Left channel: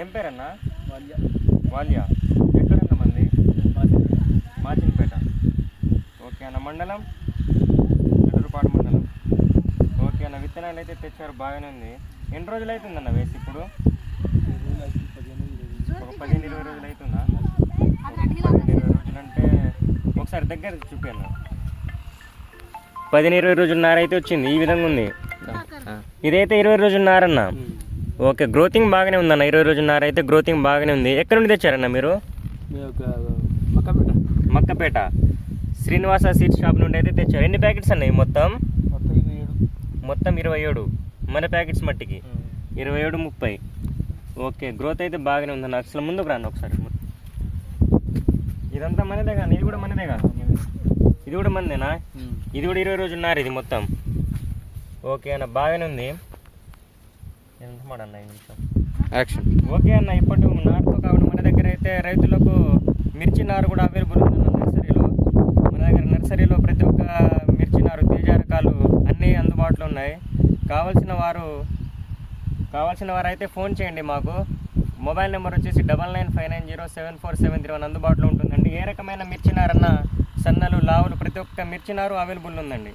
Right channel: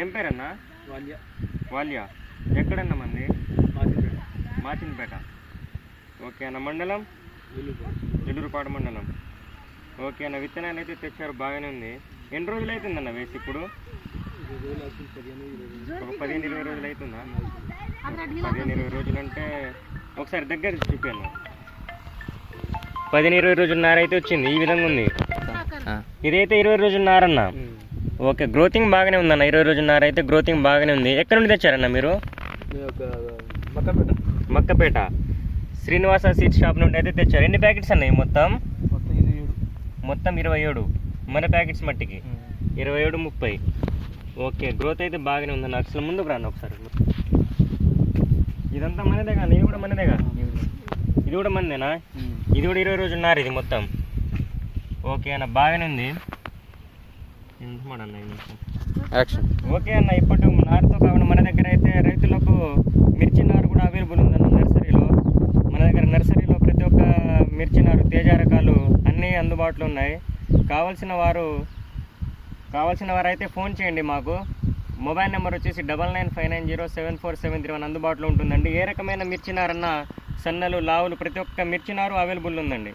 ఏం పేరన్నా? వాల్య. వాల్య. ఎక్కడన్నా మంది? మాచినపేట. మాచినపేట. ఓకే అన్న. మండలం? చిట్టూరుపాడు మండలం. ఓకే అన్న. విత్తనాలు అయితే తెచ్చారు, బాగానే ఉంది. ఎన్ని రోజులు అవుతుందన్న వేసి ఇప్పుడు? ఒక 15-20 రోజులు అవుతుందా? 15-20 రోజులు అంటే ఒకసారి దగ్గర చూపాను. 15-20 రోజులన్నర అయితే వచ్చింది. ఈ విధంగా ఉంది. ఇదైతే 20 రోజులన్నర. ఓకే, గ్రోతింగ్ బాగానే ఉందన్న. 20 రోజులన్నర అయితే గ్రోతింగ్ బాగానే ఉంది. ఎక్కడి నుండి తెచ్చారన్న మీరు? మక్కపేట శ్రీనివాస సీడ్ షాప్ నుండి అయితే తెచ్చారు. ఎన్ని ప్యాకెట్స్ అన్నాయి మొత్తం? మొత్తం 27. మన ప్యాకెట్స్ మట్టికి 27, 30. ఓకే, గ్రోత్ అయితే బాగానే ఉందన్న. అసలు ముందుకు రండి ఒకసారి. ఇదంతా మనదే కానీ, ఇది కూడా మనదే కానీ. ఇది కూడా మనదేనా? ఇది కూడా 20 రోజులన్నర ఇది మొత్తం. ఓకే అన్న, బాగానే ఉంది. ఎంత మాట అన్న యాక్షన్. ఓకే అన్న, ఇప్పుడు నారుతో కాకుండా మన దగ్గర అయితే రైతులకు మిర్చి నారు కూడా అవైలబుల్ ఉందన్న నర్సరీలో. మన దగ్గర నర్సరీలో ప్రతి ఒక్క మిర్చి నారు, తేజ రకాలు అన్నీ అందుబాటులో ఉన్నాయి. కావాల్సిన వారు అయితే ఫోన్ చేయండి. మాకు మొబైల్ నెంబర్ వచ్చేసి 9959074731 అందుబాటులో ఉంటుందండి. ఏ రకమైన మిర్చి నారన్నా, సన్నలు, లావులు ప్రతి ఒక్క మిర్చి నారు అవైలబుల్ ఉందండి.